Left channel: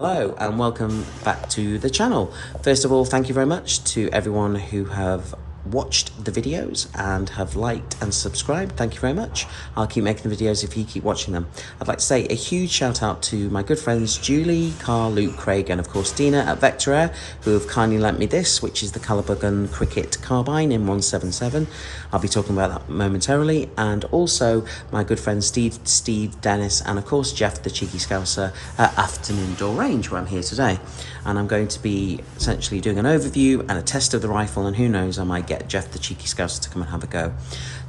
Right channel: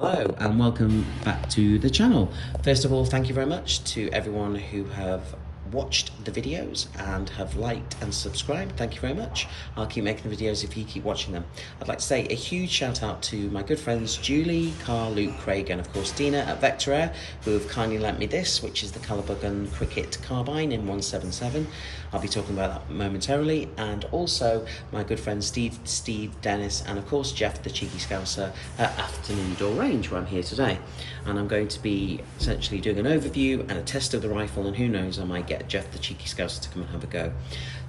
Hello and welcome back to the channel. First of all, thank you very much to everyone who have watched the videos and have liked and subscribed. Thank you very much. I'll keep making the videos if you keep watching them. I'd like to say a huge shout out to my good friends Julie, Carl, Luke, Craig and of course Dina at Vector Air, who have kindly lent me this, which is the Kalibrgun Cricket Carbine in 177. I'll be talking about that momentarily, and also my good friends Steve, Dennis and of course Jeff the Cheeky Scouser at Afternoon Door Range, where I'm here today. And I'm going to be essentially doing an overview and a test of the rifle, and who knows, I might get Jeff the Cheeky Scouser to come and have a go.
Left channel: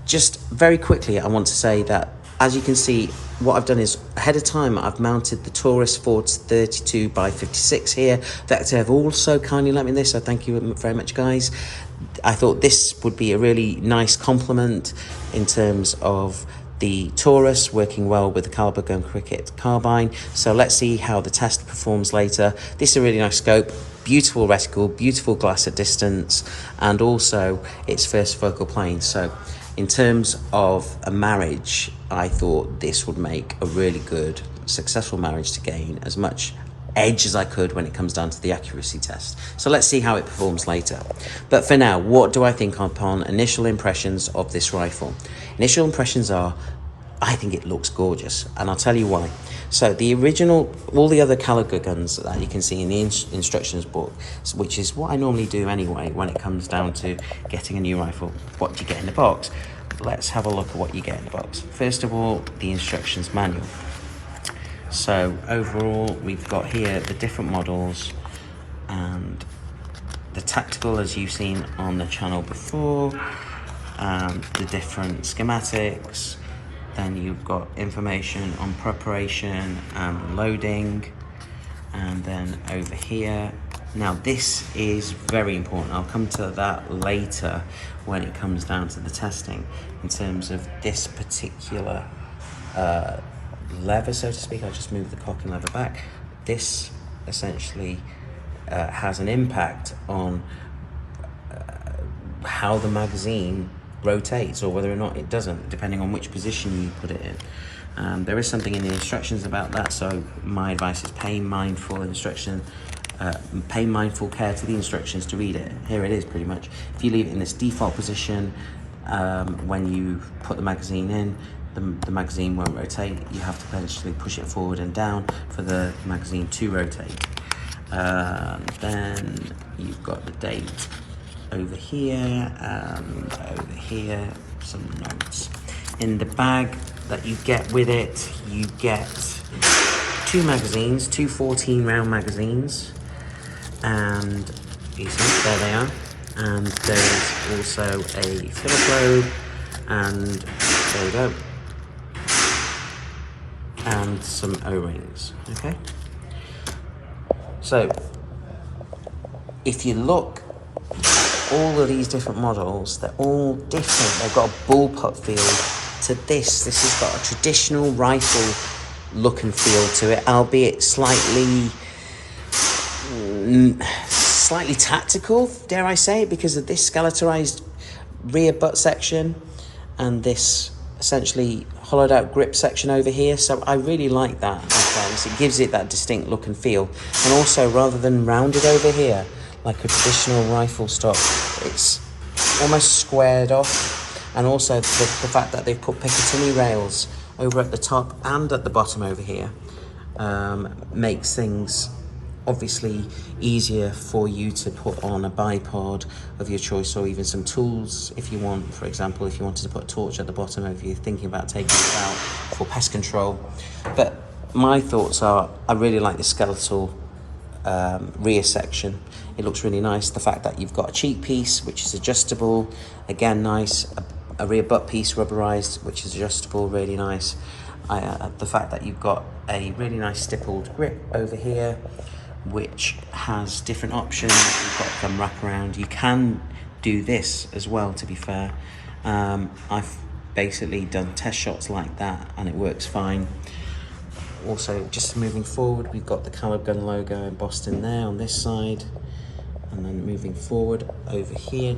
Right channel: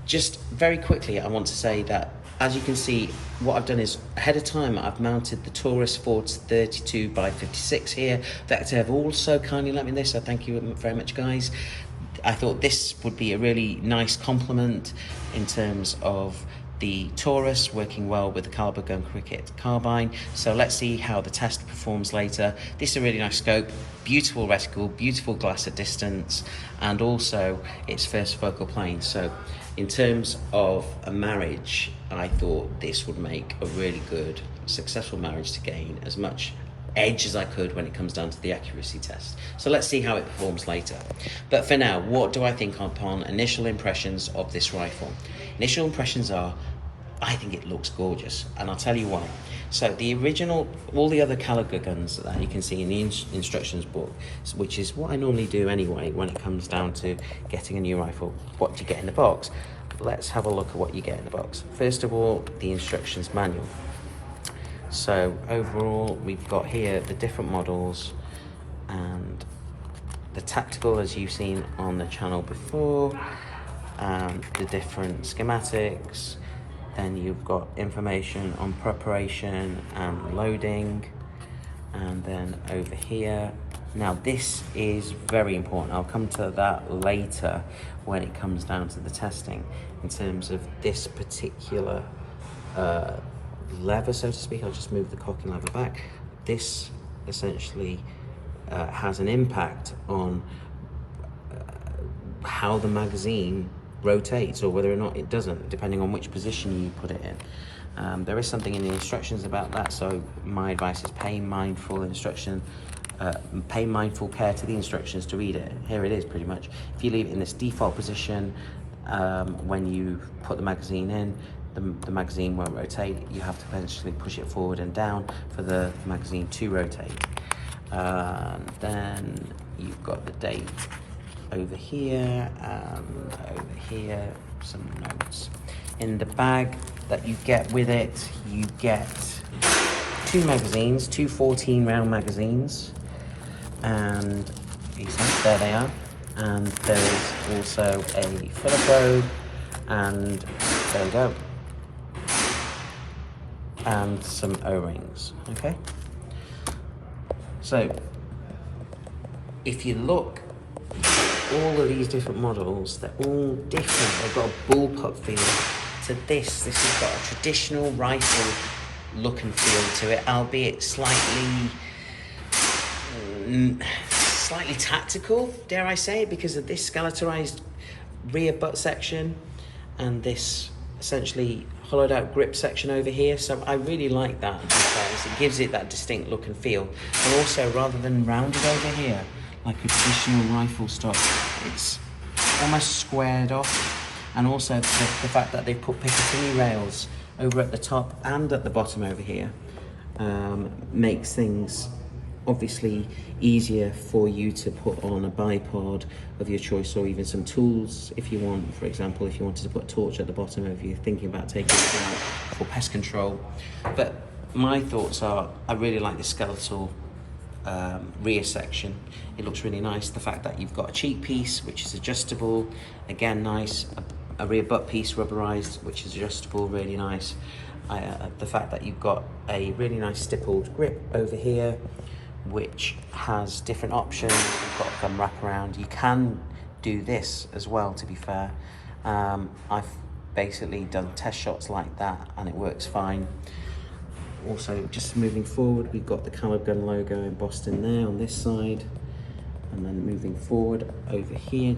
Just very quickly, I want to say that, as you can see, what I've done is ahead of time I've mounted the Taurus Ford's 32x56 here. Vector have also kindly lent me this, so thank you very much guys. I thought this would be a really nice complement in terms of the Taurus working well with the Kalibrgun Cricket Carbine. So let's see how the test performs later. This is a really nice scope, beautiful reticle, beautiful glass at distance, and also its first focal plane. So in terms of a marriage, I thought this would make a really good, successful marriage to gain as much edge as I could when it comes down to the accuracy test. So let's see how it performs later. But for now, what do I think upon initial impressions of this rifle? Initial impressions are, I think it looks gorgeous, and I'll tell you why. So the original, all the other Kaliber guns that you can see in the instructions book, which is what I normally do anyway when it comes down to getting a new rifle, what do you get in the box? Let's have a look at what you get in the box. First of all, the instructions manual. So overall, we've got here the different models and the tactical, as you've seen on the channel before, and the different schematics. Then you've got information on preparation and loading. And then over here, now this is very important. I'll come to that later when it comes down to the testing in terms of this particular lever, so to speak. I'll just move the cocking lever back. This essentially has an impact on how the magazine rotates, or whether or not it doesn't, depending on which position you put it in. There is something in the instructions about that, so my advice is pay mindful care to the instructions to read it. Here it is pretty much. If you leave it in this default position, when you put the magazine in, the magazine won't rotate. You have to eventually push it forward and down for the magazine to rotate. Then you've got the date over here and over here, some notes. In the bag that you get with it, you get two magazines, two 14 round magazines, and there they are. And there is also a filler probe, and there you go, and some O-rings. Okay, so if you look at all of these different models, they're all different. They've got a bullpup feel to this. This has got a traditional rifle look and feel to it, albeit slightly tactical, dare I say, because of this skeletonized rear butt section and this essentially hollowed out grip section over here. So I really like that in fairness. It gives it that distinct look and feel. And also, rather than rounded over here like a traditional rifle stock, it's almost squared off. And also the fact that they've put Picatinny rails over at the top and at the bottom over here makes things obviously easier for you to put on a bipod of your choice, or even some tools if you want. For example, if you wanted to put a torch at the bottom if you're thinking about taking it out for pest control. But my thoughts are, I really like the skeletal rear section. It looks really nice. The fact that you've got a cheek piece which is adjustable, again nice. A rear butt piece rubberized which is adjustable, really nice. The fact that you've got a really nice stippled grip over here which has different options. You've got thumb wraparound. You can do this as well, to be fair. I've basically done test shots like that and it works fine. Also, just moving forward, we've got the Kalibrgun logo embossed in there on this side, and then moving forward over here,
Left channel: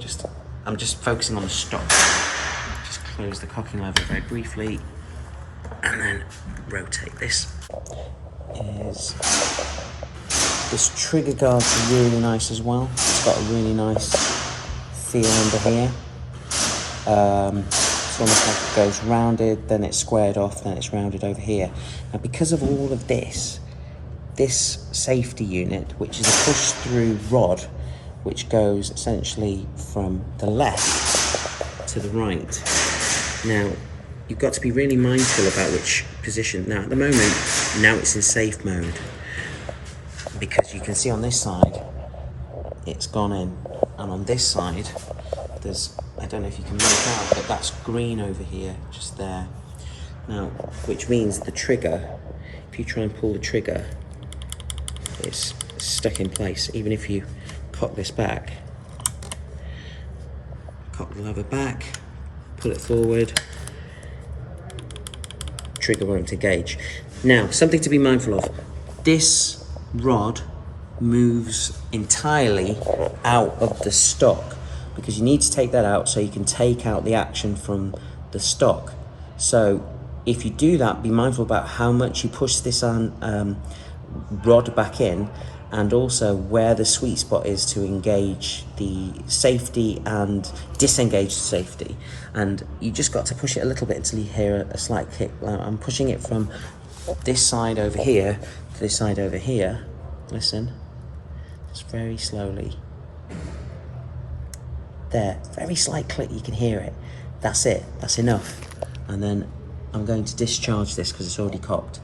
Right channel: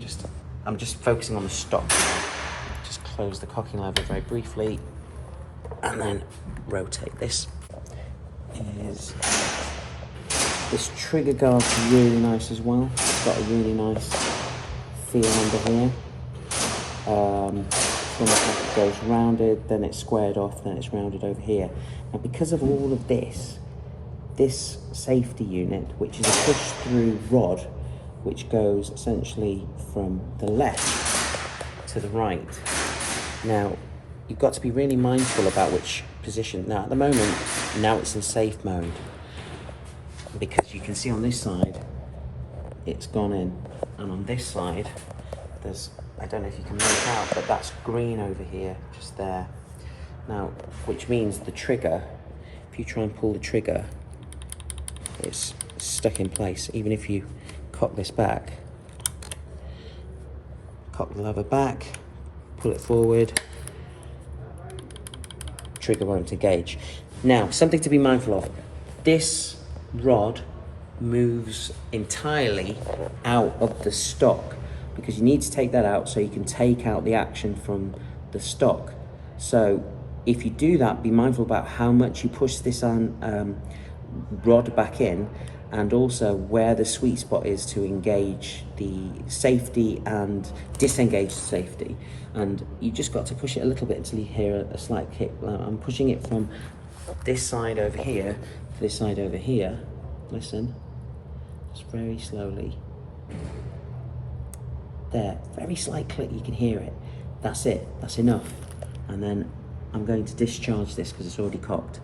I'm just focusing on the stock. Just close the cocking lever very briefly and then rotate. This is This trigger guard's really nice as well. It's got a really nice feel under here. It's almost like it goes rounded, then it's squared off, then it's rounded over here. Now because of all of this safety unit, which is a push-through rod, which goes essentially from the left to the right. Now, you've got to be really mindful about which position. Now, at the moment, now it's in safe mode, because you can see on this side, it's gone in, and on this side, there's, I don't know if you can make out, but that's green over here, just there. Now, which means the trigger, if you try and pull the trigger, it's stuck in place. Even if you cock this back, cock the lever back, pull it forward, trigger won't engage. Now, something to be mindful of. This rod moves entirely out of the stock, because you need to take that out so you can take out the action from the stock. So if you do that, be mindful about how much you push this on rod back in, and also where the sweet spot is to engage the safety and disengage the safety. And you just got to push it a little bit until you hear a slight kick. I'm pushing it from this side over here to this side over here. Listen, just very slowly. There, very slight click, you can hear it. That's it, that's enough. And then I'm going to discharge this because it's already cocked.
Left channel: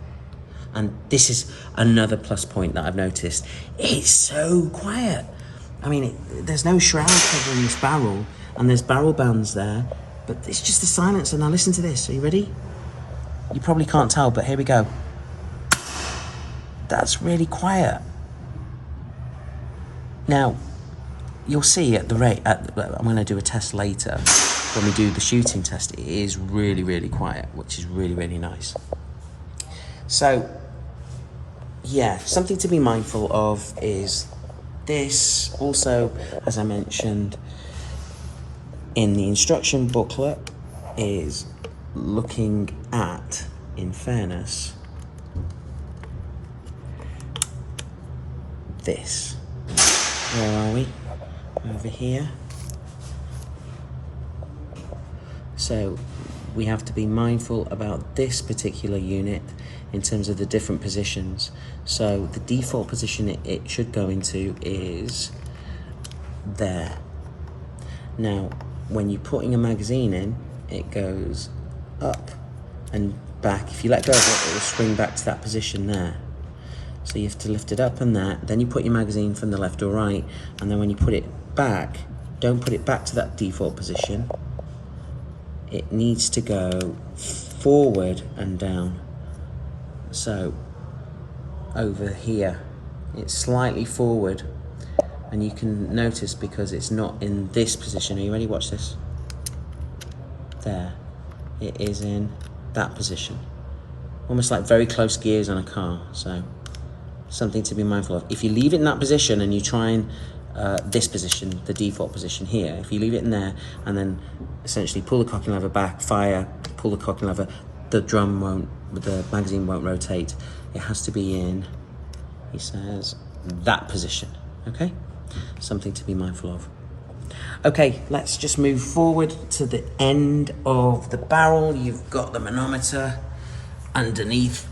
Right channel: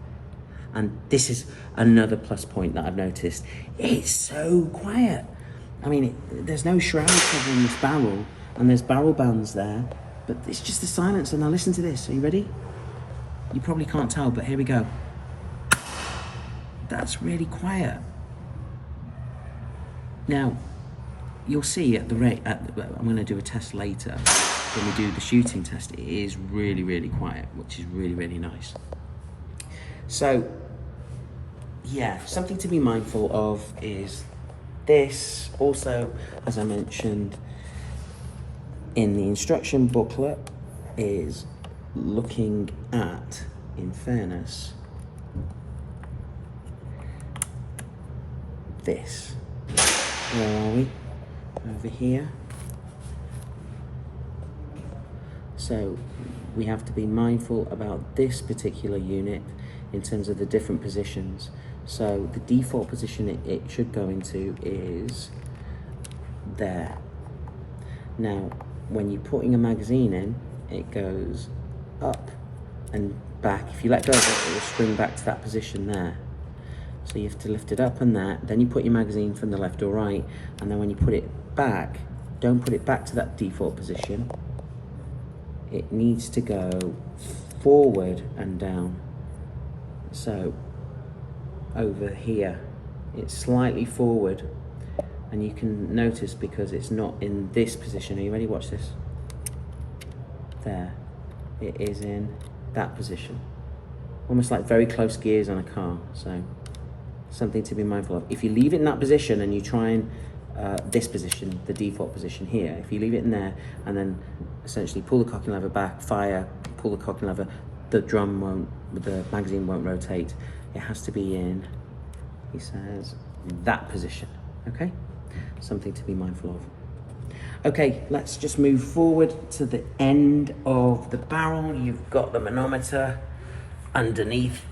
And this is another plus point that I've noticed. It's so quiet. I mean, there's no shroud covering this barrel, and there's barrel bands there, but it's just the silence. And now listen to this, are you ready? You probably can't tell, but here we go. That's really quiet. Now, you'll see at the rate, I'm gonna do a test later, when we do the shooting test, it is really, really quiet, which is really, really nice. So, yeah, something to be mindful of is this. Also, as I mentioned in the instruction booklet, is looking at, in fairness, this. Where are we? Over here. So we have to be mindful about this particular unit in terms of the different positions. So the default position it should go into is there. Now, when you're putting a magazine in, it goes up and back. If you let go of it, it will swing back to that position there. So you have to lift it up and that, then you put your magazine from the left or right, and then when you put it back, don't put it back to that default position. It needs to go forward and down. So over here, it's slightly forward, and you can notice because it's not in this position. Are you ready? Watch this. There, it is in that position. Almost like very close gears on a car, so something to be mindful of. If you leave it in that position and you try and this position, the default position here, if you leave it in there and then essentially pull the cocking lever back, fire, pull the cocking lever, the magazine won't rotate. It has to be in, he says, that position, okay? Something to be mindful of. Okay, let's just move forward to the end of the barrel. You've got the manometer underneath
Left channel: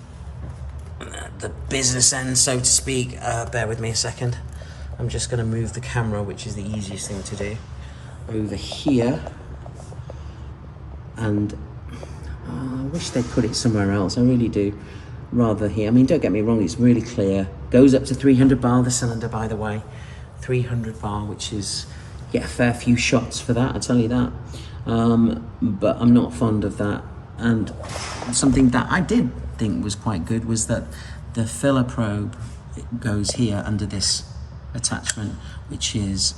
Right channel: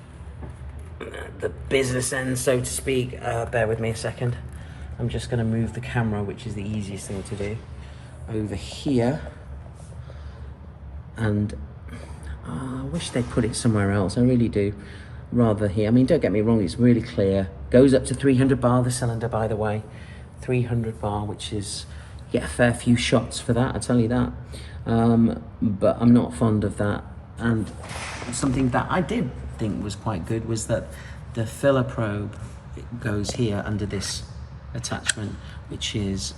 the business end, so to speak. Bear with me a second. I'm just going to move the camera, which is the easiest thing to do, over here. And I wish they'd put it somewhere else. I really do. Rather here. I mean, don't get me wrong, it's really clear. Goes up to 300 bar, the cylinder, by the way. 300 bar, which is, you get a fair few shots for that, I tell you that. But I'm not fond of that. And something that I did think was quite good was that the filler probe, it goes here under this attachment, which is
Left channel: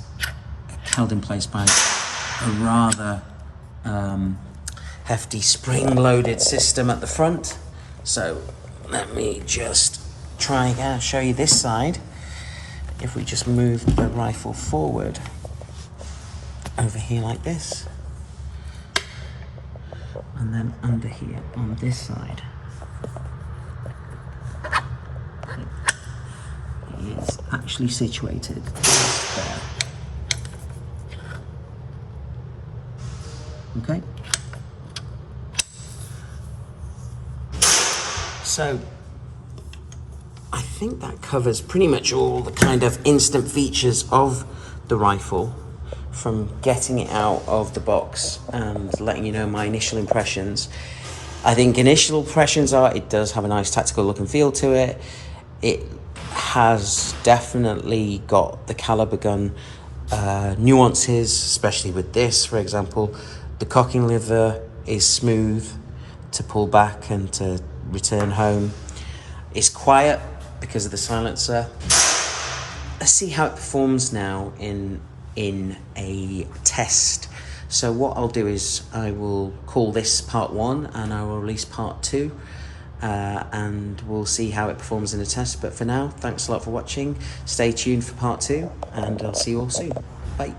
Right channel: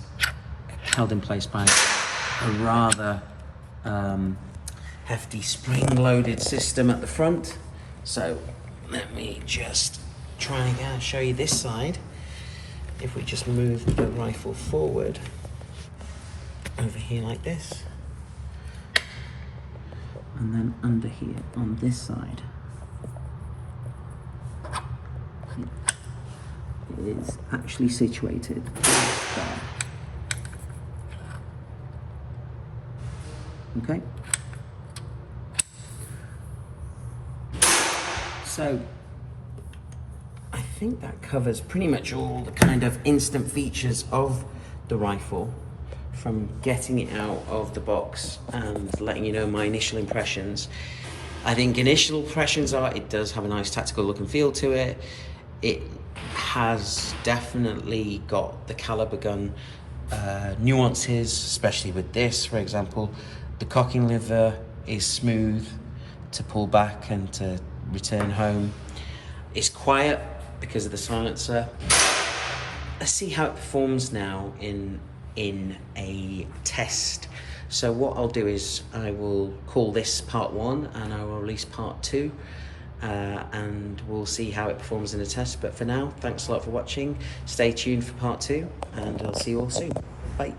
held in place by a rather hefty spring-loaded system at the front. So let me just try again, show you this side. If we just move the rifle forward over here like this, and then under here on this side, is actually situated is there. Okay. So I think that covers pretty much all the kind of instant features of the rifle, from getting it out of the box and letting you know my initial impressions. I think initial impressions are it does have a nice tactical look and feel to it. It has definitely got the Kalibrgun nuances, especially with this, for example. The cocking lever is smooth to pull back and to return home. It's quiet because of the silencer. Let's see how it performs now in a test. So what I'll do is I will call this part 1 and I will release part 2 and we'll see how it performs in a test. But for now, thanks a lot for watching. Stay tuned for part 2 and I'll see you all soon. Bye.